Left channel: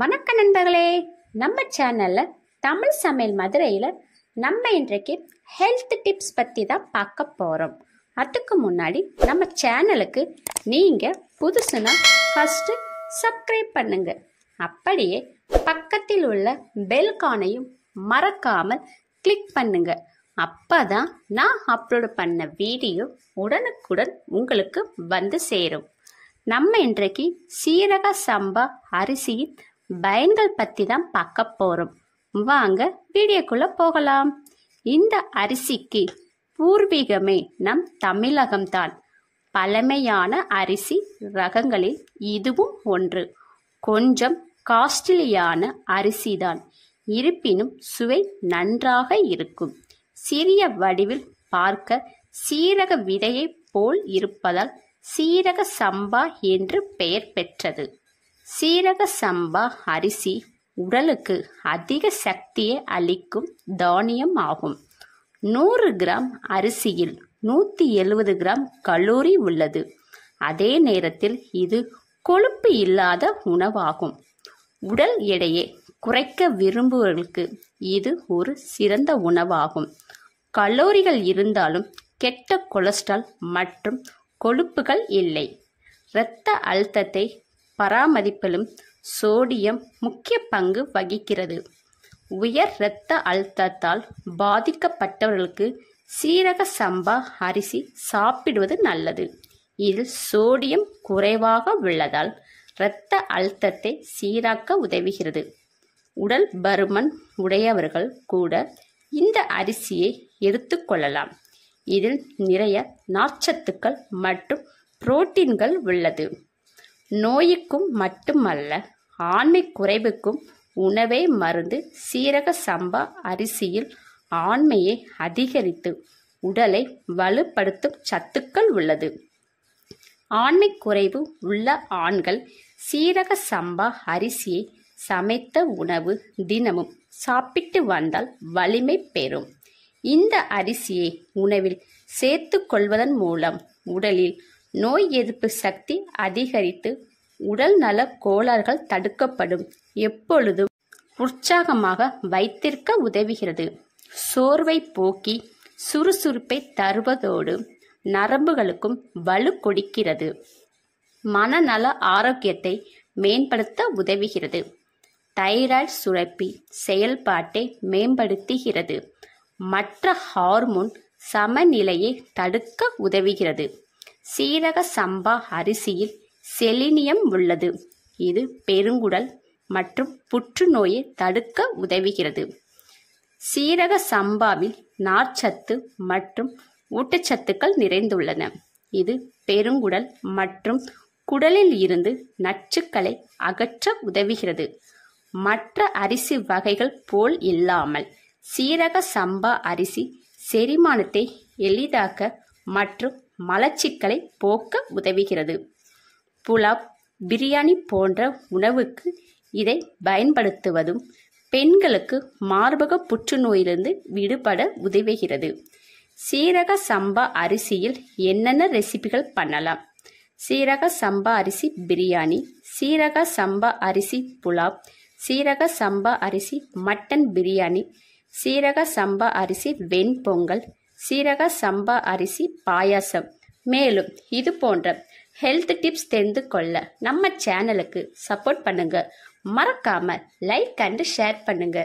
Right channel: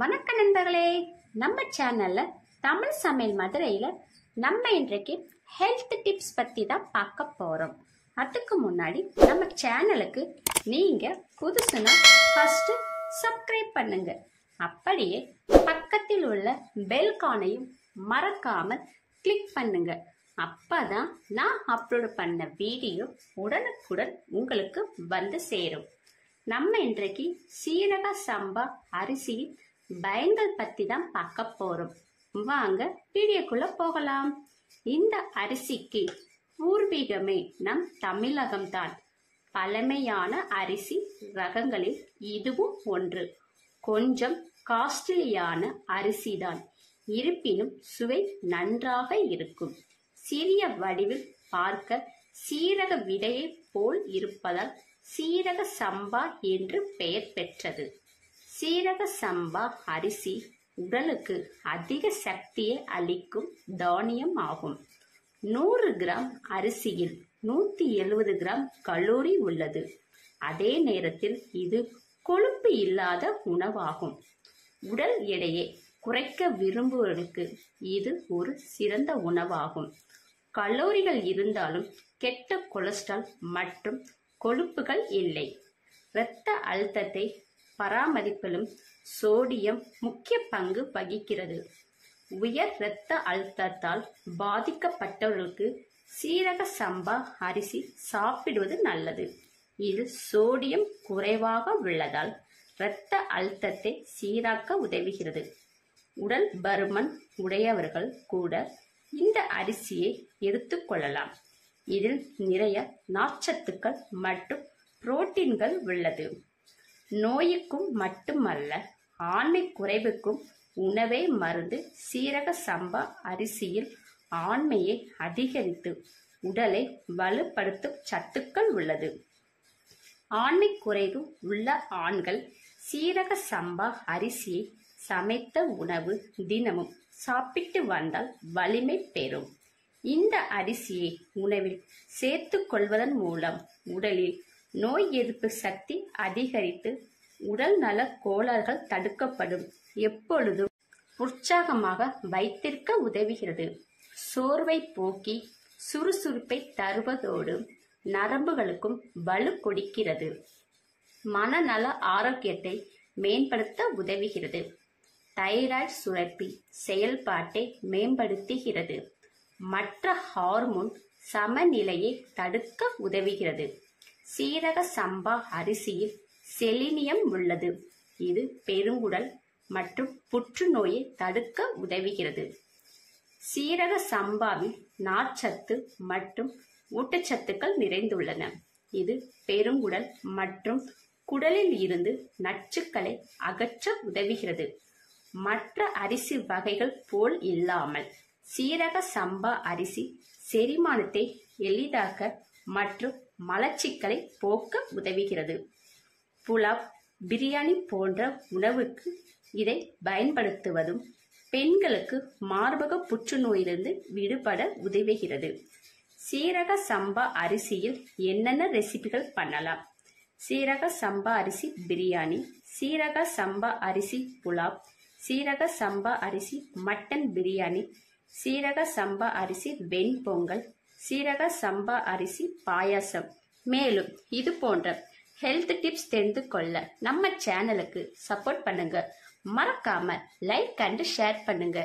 வணக்க நண்பர்களே, நம்ம சேனல்ல தமிழ் சமையல் மதுரையில் நம்ம இன்றைக்கு ஹெல்த் டிப்ஸ் பற்றி தான் பார்க்க போகிறோம். அதுக்கு முன்னாடி நம்ம சேனலுக்கு நீங்கள் புதுசுனா ஃபஸ்ட்டு சப்ஸ்கிரைப் பண்ணுங்க. அப்படியே பக்கத்தில் உள்ள பெல்கானையும் மறக்காமல் கிளிக் பண்ணுங்க. அப்பதான் நான் அப்லோடு பண்ண வீடியோ உடனுக்குடன் உங்களுக்கு வந்து சேரும். நம்ம இன்றைக்கு சீரக சம்பா அரிசியின் பயன்கள் பற்றி தான் பார்க்க போகிறோம். வாங்க வீடியோக்குள்ளே போகலாம். இந்த அரிசிக்கு பூர்வீகமே நம் தமிழகம்தான். பழமையான அரிசி ரகங்களில் இதுவும் ஒன்று. கொஞ்சம் காஸ்ட்லியான அரிசிதான், இருப்பினும் சுவை நன்றாக இருக்கும். சிறிய வடிவில் பார்க்க சீரக விதையை போல் இருப்பதால் சீரக சம்பா என்று பெயர் பெற்றது. சீரக சம்பா அரிசி உடலுக்கு அதிக சக்தியை அளிக்கும் தானியம் ஆகும். 100 கிராம் அரிசியில் 170 கிராம் கலோரி உள்ளது. அதே நேரத்தில் இது கொழுப்பு இல்லாத உணவாகும். உடல் எடையை குறைக்க விரும்புவர்களுக்கு இது ஒரு சிறந்த உணவாகும். கலோரிகள் இருந்தாலும் கெட்ட கொலஸ்ட்ரால் மற்றும் கொழுப்புகள் இல்லை. இரத்த அழுத்தத்தை பராமரிப்பிலும் சோடியம் முக்கிய பங்கு வகிக்கிறது. உயர் இரத்த அழுத்தத்தால் பாதிக்கப்பட்டவர்களுக்கு சீரக சம்பா அரிசி சாப்பிடுவது நல்லது. இதில் சோடியம் குறைவாக உள்ளதால் இரத்த அழுத்தத்தை சீராக்க உதவுகிறது. உடல் பருமன் உடையவர்கள் கூட இந்த அரிசியை எடுத்துக்கொள்ளலாம். இதில் நிறைய நார்ச்சத்துக்கள் மற்றும் புரோட்டீன்கள் உள்ளது. நோய்க்கும் மட்டுமல்ல, ஆண்மை குறைவுக்கும் உணவே மருந்து. சீரக சம்பா அரிசியில் ஆண்மையை அதிகரித்து உடலை வலுப்படுத்தும் சத்துக்கள் உள்ளது. ஆண்மை குறைவு உள்ள ஆண்கள் சீரக சம்பா அரிசியை சமைத்த உணவு தினமும் சாப்பிட்டு வந்தால் வலிமை பெறும். இந்த அரிசியை உணவில் சேர்த்து கொள்வதன் மூலம் உடலில் நோய் எதிர்ப்பு சக்தி அதிகரித்து உடல் நல கோளாறுகள் தடுக்கப்படும். எப்பொழுதும் உற்சாகமாக வைத்திருக்க உதவுகிறது. சோர்வை போக்கி சுறுசுறுப்பை தருவதோடு நரம்புகளுக்கும் வலு கொடுக்கிறது. மனநல ஆரோக்கியத்தை மேம்படுத்த உதவுகிறது. தைராய்டு சுரப்பி செயல்பாட்டை மேம்படுத்துகிறது. மற்ற ஹார்மோன் சமநிலையை தடுக்க உதவுகிறது. சீரக சம்பா அரிசியில் செலினியம் உள்ளது. இது பெருங்குடல் மற்றும் புற்றுநோயை தடுக்க உதவுகிறது. சீரக சம்பாவில் நார்ச்சத்து மற்றும் ஊட்டச்சத்துக்கள் நிறைந்துள்ளன. இது பெருங்குடல் மற்றும் குடலில் இருந்து நச்சுக்களை அகற்ற உதவுகிறது. மற்ற அரிசி வகைகள் போல் இல்லாமல் சீரக சம்பா அரிசி செரிமானத்தை எளிதாக்க மற்றும் மலச்சிக்கலை போக்க உதவுகிறது. புலாவ், பிரியாணி போன்ற உணவுக்கு இதை பயன்படுத்துவதும் பெண்களுக்கு மார்பக புற்றுநோயிலிருந்து விடுபட உதவுகிறது. சீரக சம்பா அரிசியில் என்னென்ன ரெசிபிகள் பண்ணலாம்? சீரக சம்பா அரிசி பிரியாணி, சீரக சம்பா அரிசி புலாவ், சீரக சம்பா அரிசி மட்டன் பிரியாணி, சீரக சம்பா அரிசி வெண்பொங்கல், சீரக சம்பா அரிசி பாயாசம். மேலும் இது போன்ற ஹெல்த் டிப்ஸ் தெரிந்து கொள்ள நம்ம சேனலுக்கு சப்போர்ட் பண்ணுங்க. மறக்காம லைக் அண்ட் ஷேர் பண்ணுங்க.